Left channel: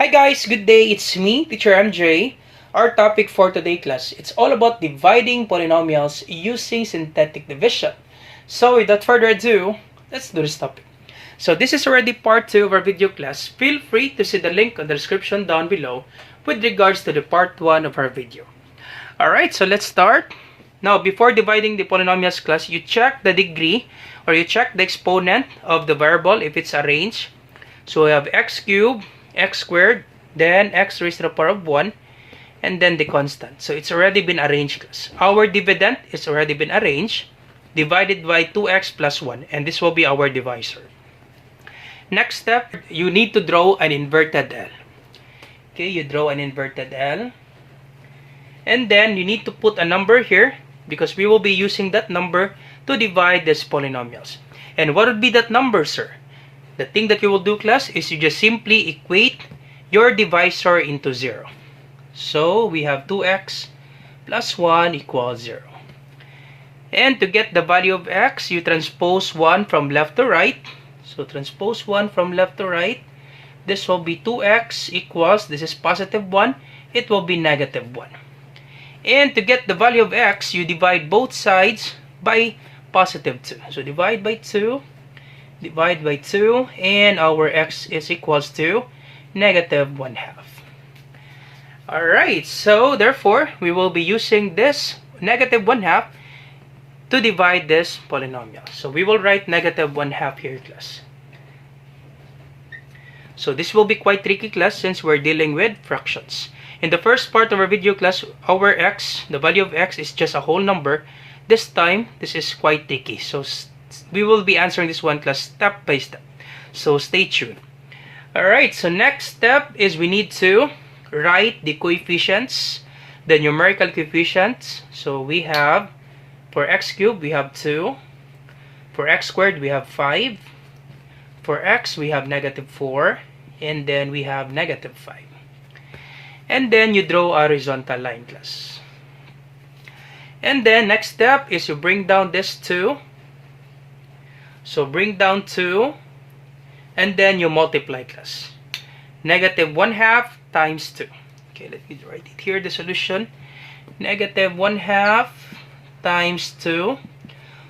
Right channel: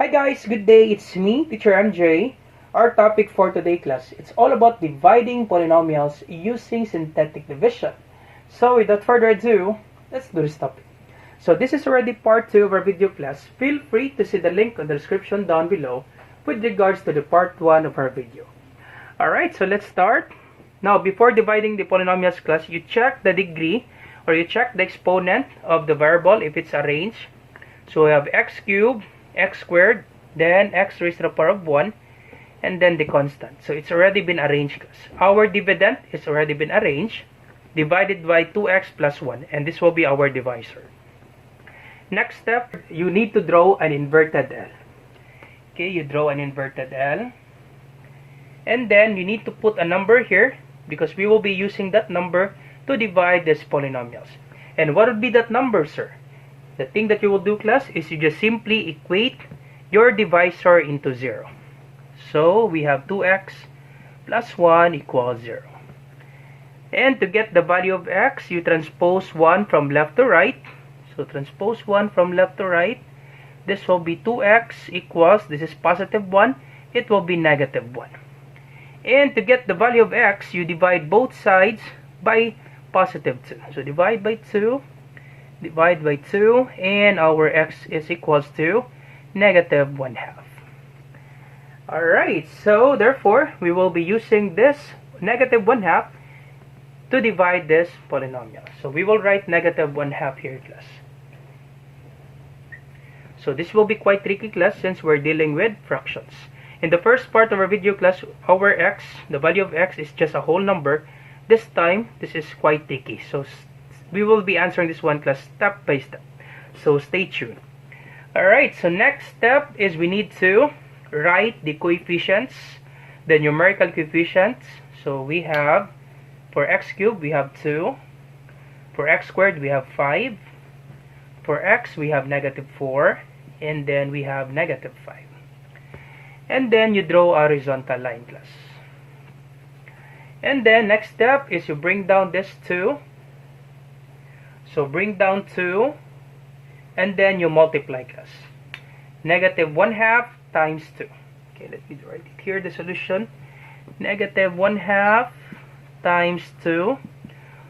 Hi guys, good day. It's me, Teacher MJ. Our topic for today class, it's all about dividing polynomials using synthetic division. So without further ado, let's do this topic. So this is already part 2 of our video class. Feel free to see the link on the description down below with regards to the part 1 of our video. Alright, so let's start. Now, before dividing the polynomials class, you check the degree or you check the exponent of the variable if it's arranged. So we have x cubed, x squared, then x raised to the power of 1, and then the constant. So it's already been arranged, class. Our dividend is already been arranged, divided by 2x plus 1, and this will be our divisor. Next step, you need to draw an inverted L. Okay, you draw an inverted L. And then you need to put a number here because we will be using that number to divide these polynomials. And what would be that number, sir? The thing that you will do, class, is you just simply equate your divisor into 0. So we have 2x plus 1 equals 0. And to get the value of x, you transpose 1 from left to right. So transpose 1 from left to right. This will be 2x equals, this is positive 1, it will be negative 1. And to get the value of x, you divide both sides by positive 2. So divide by 2, and our x is equals to negative 1/2. Alright, so therefore, we will be using this negative 1/2 to divide this polynomial. So we will write negative 1/2 here, class. So this will be quite tricky, class, since we're dealing with fractions. In the first part of our video, class, our x, the value of x is just a whole number. This time, this is quite tricky. So we will be answering this one, class, step by step. So stay tuned. Alright, so next step is we need to write the coefficients, the numerical coefficients. So we have, for x cubed, we have 2. For x squared, we have 5. For x, we have negative 4. And then we have negative 5. And then you draw a horizontal line, class. And then next step is you bring down this 2. So bring down 2. And then you multiply, class. Negative 1/2 times 2. Okay, let me write it here, the solution. Negative 1/2 times 2.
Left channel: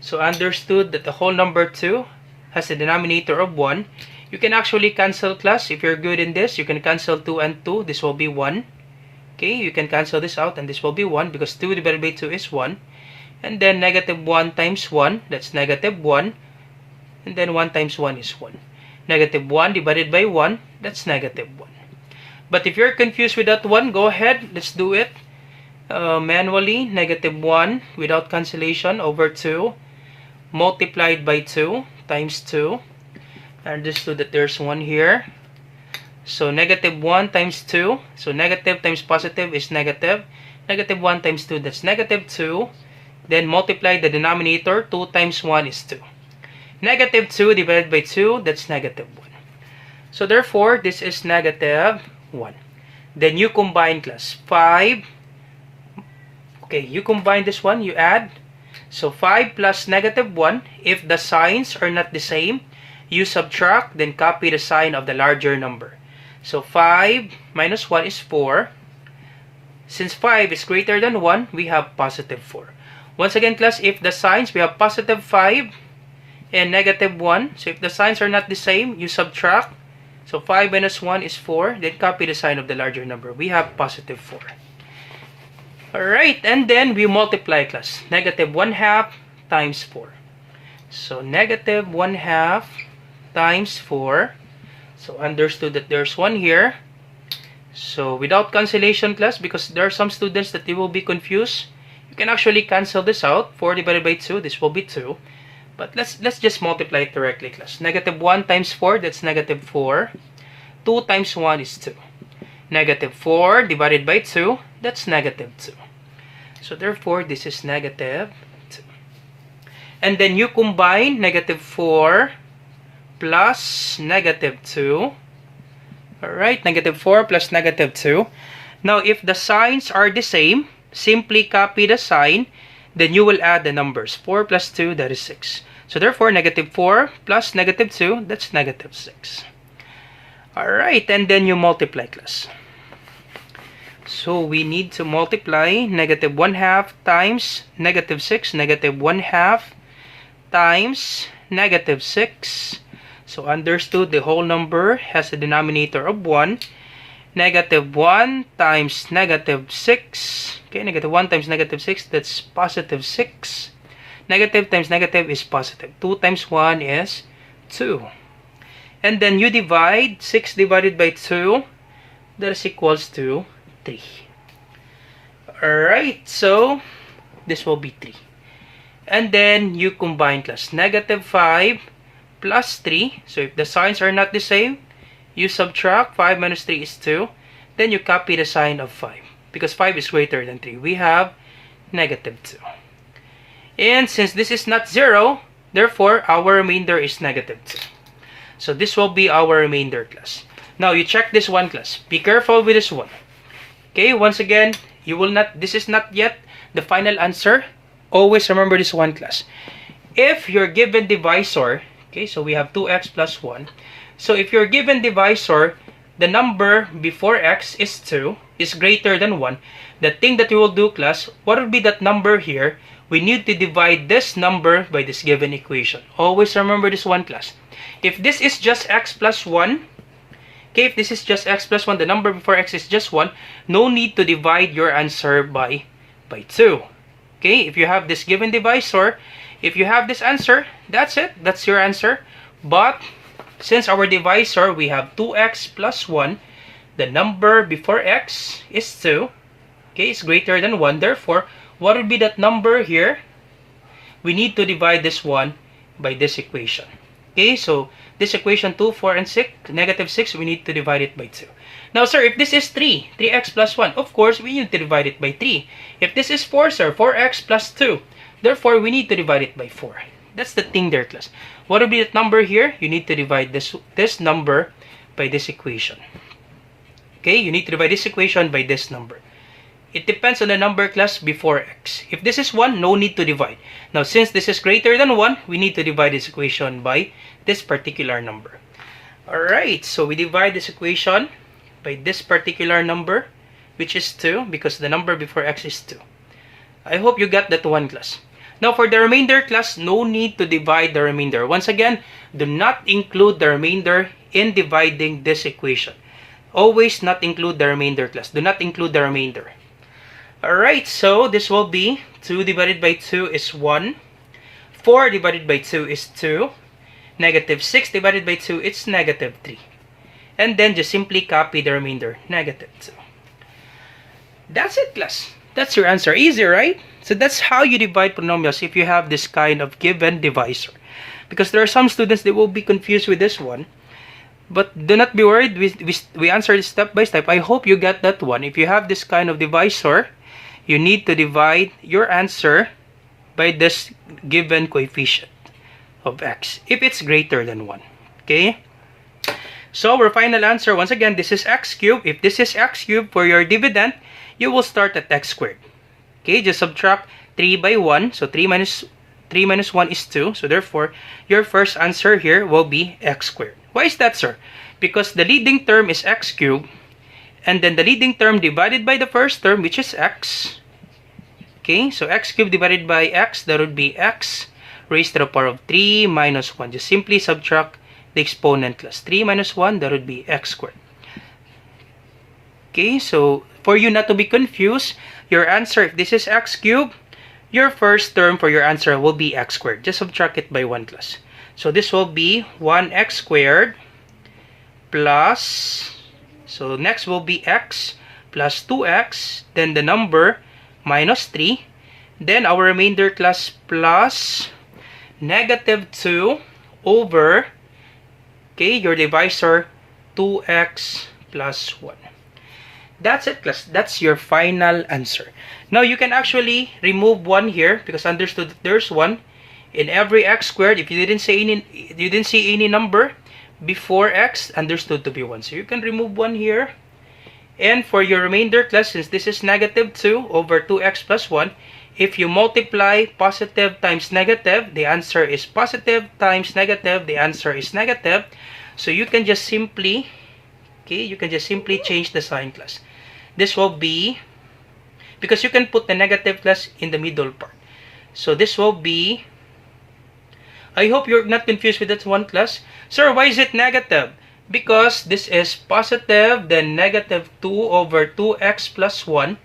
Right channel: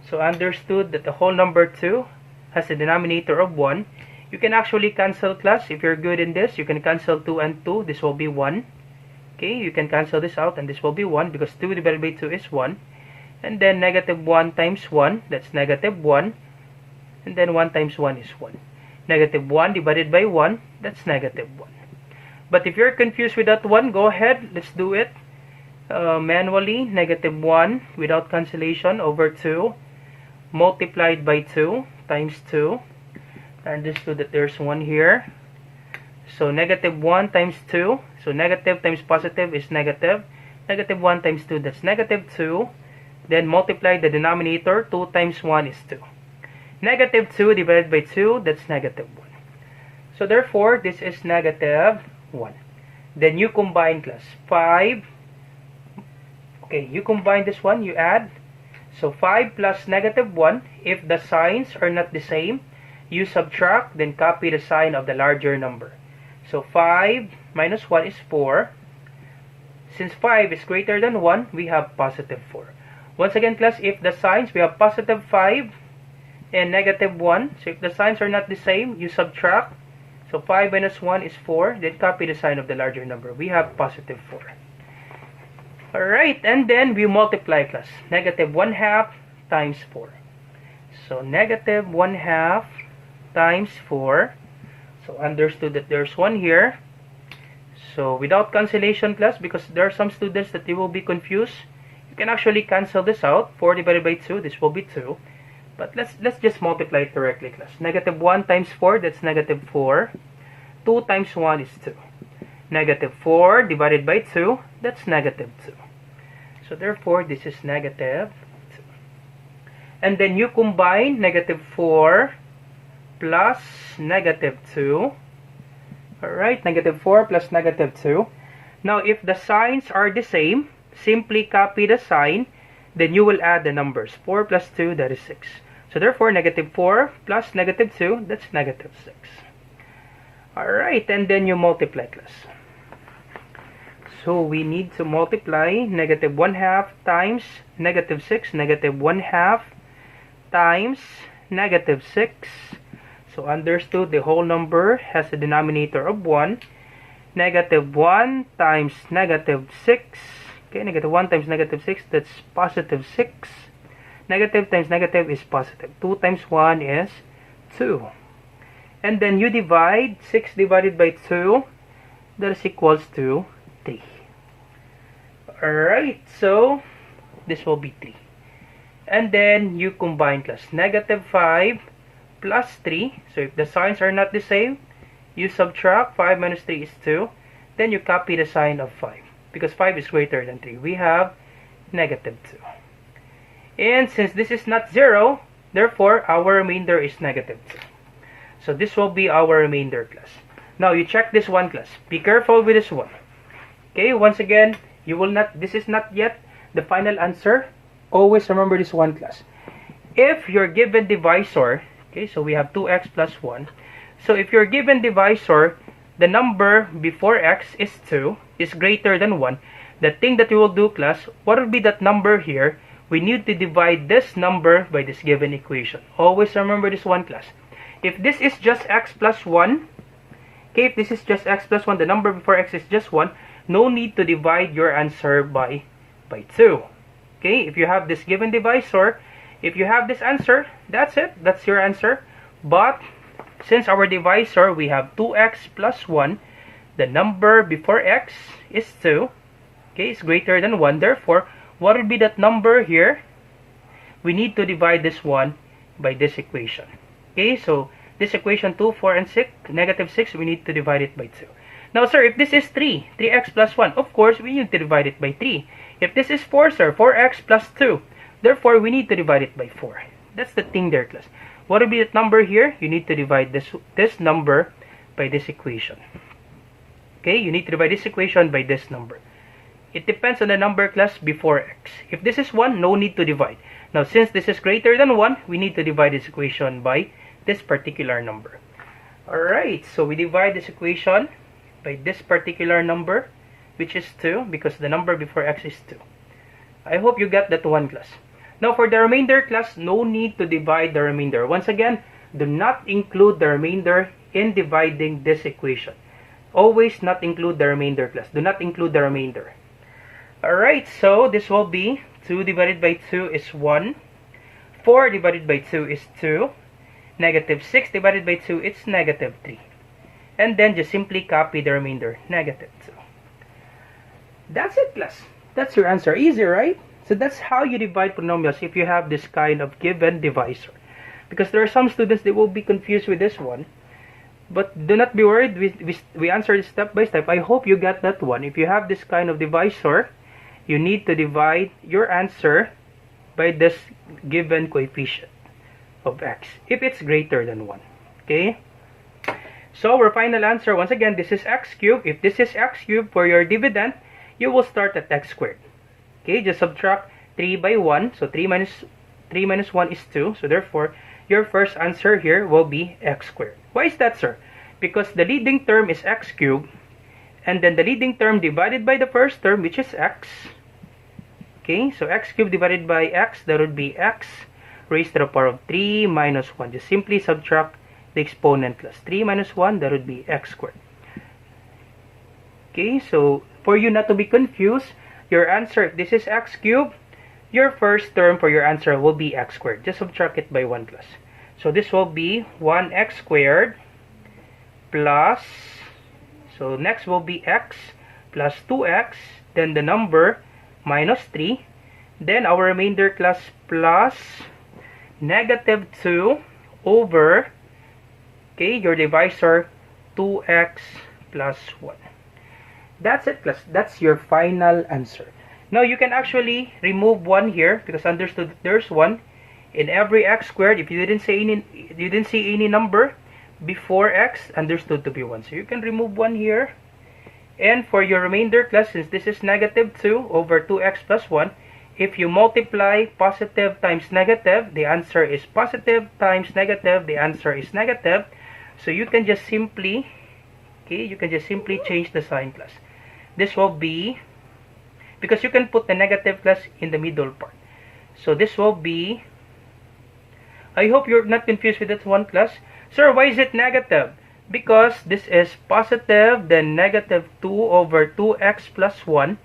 So understood that the whole number 2 has a denominator of 1. You can actually cancel, class. If you're good in this, you can cancel 2 and 2. This will be 1. Okay, you can cancel this out and this will be 1 because 2 divided by 2 is 1. And then negative 1 times 1, that's negative 1. And then 1 times 1 is 1. Negative 1 divided by 1, that's negative 1. But if you're confused with that one, go ahead, let's do it manually. Negative 1 without cancellation over 2 multiplied by 2 times 2. Understood that there's 1 here. So negative 1 times 2. So negative times positive is negative. Negative 1 times 2, that's negative 2. Then multiply the denominator. 2 times 1 is 2. Negative 2 divided by 2, that's negative 1. So therefore, this is negative 1. Then you combine, class. 5. Okay, you combine this one, you add. So 5 plus negative 1, if the signs are not the same, you subtract, then copy the sign of the larger number. So 5 minus 1 is 4. Since 5 is greater than 1, we have positive 4. Once again, class, if the signs, we have positive 5 and negative 1. So if the signs are not the same, you subtract. So 5 minus 1 is 4. Then copy the sign of the larger number. We have positive 4. Alright, and then we multiply, class. Negative 1/2 times 4. So negative 1/2 times 4. So understood that there's 1 here. So without cancellation, class, because there are some students that they will be confused, you can actually cancel this out. 4 divided by 2, this will be 2. But let's just multiply it directly, class. Negative 1 times 4, that's negative 4. 2 times 1 is 2. Negative 4 divided by 2, that's negative 2. So therefore, this is negative 2. And then you combine negative 4 plus negative 2. Alright, negative 4 plus negative 2. Now, if the signs are the same, simply copy the sign, then you will add the numbers. 4 plus 2, that is 6. So therefore, negative 4 plus negative 2, that's negative 6. Alright, and then you multiply, class. So we need to multiply negative 1/2 times negative 6, negative 1/2 times negative 6. So understood, the whole number has a denominator of 1. Negative 1 times negative 6. Okay, negative 1 times negative 6, that's positive 6. Negative times negative is positive. 2 times 1 is 2. And then you divide 6 divided by 2, that is equals to 3. Alright, so this will be 3. And then you combine, class. Negative 5 plus 3. So if the signs are not the same, you subtract. 5 minus 3 is 2. Then you copy the sign of 5. Because 5 is greater than 3. We have negative 2. And since this is not 0, therefore our remainder is negative 2. So this will be our remainder, class. Now you check this one, class. Be careful with this one. Okay, once again, you will not, this is not yet the final answer. Always remember this one, class. If your given divisor, okay, so we have 2x plus 1. So if your given divisor, the number before x is 2, is greater than 1, the thing that you will do, class, what will be that number here? We need to divide this number by this given equation. Always remember this one, class. If this is just x plus 1, okay, if this is just x plus 1, the number before x is just 1, no need to divide your answer by 2. Okay, if you have this given divisor, if you have this answer, that's it. That's your answer. But since our divisor, we have 2x plus 1, the number before x is 2, okay, is greater than 1. Therefore, what will be that number here? We need to divide this one by this equation. Okay, so this equation 2, 4, and 6, negative 6, we need to divide it by 2. Now, sir, if this is 3x plus 1, of course, we need to divide it by 3. If this is 4, sir, 4x plus 2, therefore, we need to divide it by 4. That's the thing there, class. What will be that number here? You need to divide this number by this equation. Okay, you need to divide this equation by this number. It depends on the number, class, before x. If this is 1, no need to divide. Now, since this is greater than 1, we need to divide this equation by this particular number. Alright, so we divide this equation by this particular number, which is 2, because the number before x is 2. I hope you got that one, class. Now, for the remainder, class, no need to divide the remainder. Once again, do not include the remainder in dividing this equation. Always not include the remainder, class. Do not include the remainder. Alright, so this will be 2 divided by 2 is 1. 4 divided by 2 is 2. Negative 6 divided by 2 is negative 3. And then just simply copy the remainder, negative 2. That's it, class. That's your answer. Easy, right? So that's how you divide polynomials if you have this kind of given divisor. Because there are some students that will be confused with this one. But do not be worried. We answer this step by step. I hope you got that one. If you have this kind of divisor, you need to divide your answer by this given coefficient of x if it's greater than 1. Okay? So our final answer, once again, this is x cubed. If this is x cubed for your dividend, you will start at x squared. Okay, just subtract 3 by 1. So 3 minus 1 is 2. So therefore, your first answer here will be x squared. Why is that, sir? Because the leading term is x cubed. And then the leading term divided by the first term, which is x. Okay, so x cubed divided by x, that would be x raised to the power of 3 minus 1. Just simply subtract the exponent, class. 3 minus 1, that would be x squared. Okay, so for you not to be confused, your answer, if this is x cubed, your first term for your answer will be x squared. Just subtract it by 1, class. So this will be 1x squared plus, so next will be x plus 2x, then the number minus 3, then our remainder, class, plus negative 2 over, okay, your divisor, 2x plus 1. That's it, class. That's your final answer. Now, you can actually remove 1 here because understood that there's 1 in every x squared. If you didn't see any number before x, understood to be 1. So you can remove 1 here. And for your remainder, class, since this is negative 2 over 2x plus 1, if you multiply positive times negative, the answer is positive times negative, the answer is negative. So you can just simply Okay, you can just simply change the sign class. This will be, because you can put the negative class in the middle part. So this will be, I hope you're not confused with that one class. Sir, why is it negative? Because this is positive, then negative 2 over 2x plus 1,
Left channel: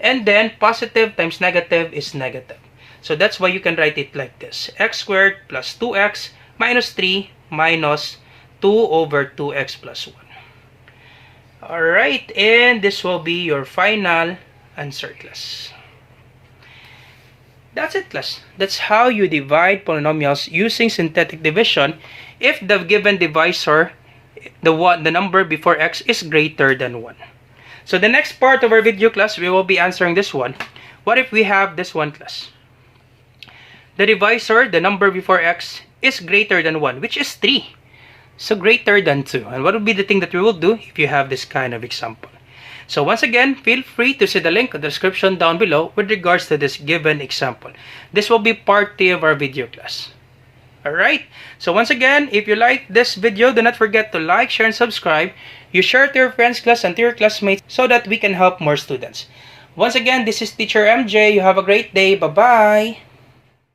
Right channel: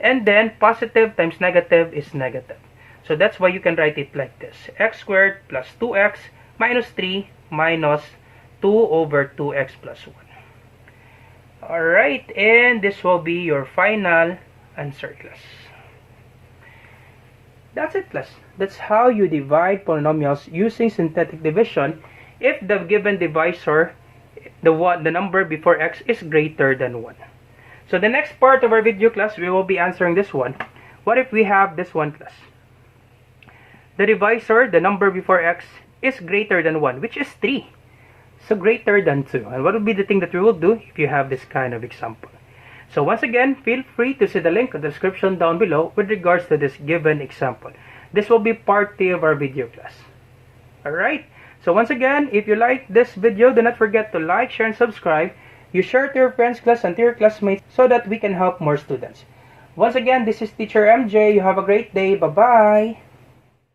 and then positive times negative is negative. So that's why you can write it like this. X squared plus 2x minus 3 minus 2 over 2x plus 1. Alright, and this will be your final answer, class. That's it, class. That's how you divide polynomials using synthetic division if the given divisor, the number before x, is greater than 1. So the next part of our video, class, we will be answering this one. What if we have this one, class? The divisor, the number before x, is greater than 1, which is 3. So greater than 2. And what would be the thing that we will do if you have this kind of example? So once again, feel free to see the link in the description down below with regards to this given example. This will be part 3 of our video, class. Alright, so once again, if you like this video, do not forget to like, share, and subscribe. You share to your friends, class, and to your classmates so that we can help more students. Once again, this is Teacher MJ. You have a great day. Bye-bye.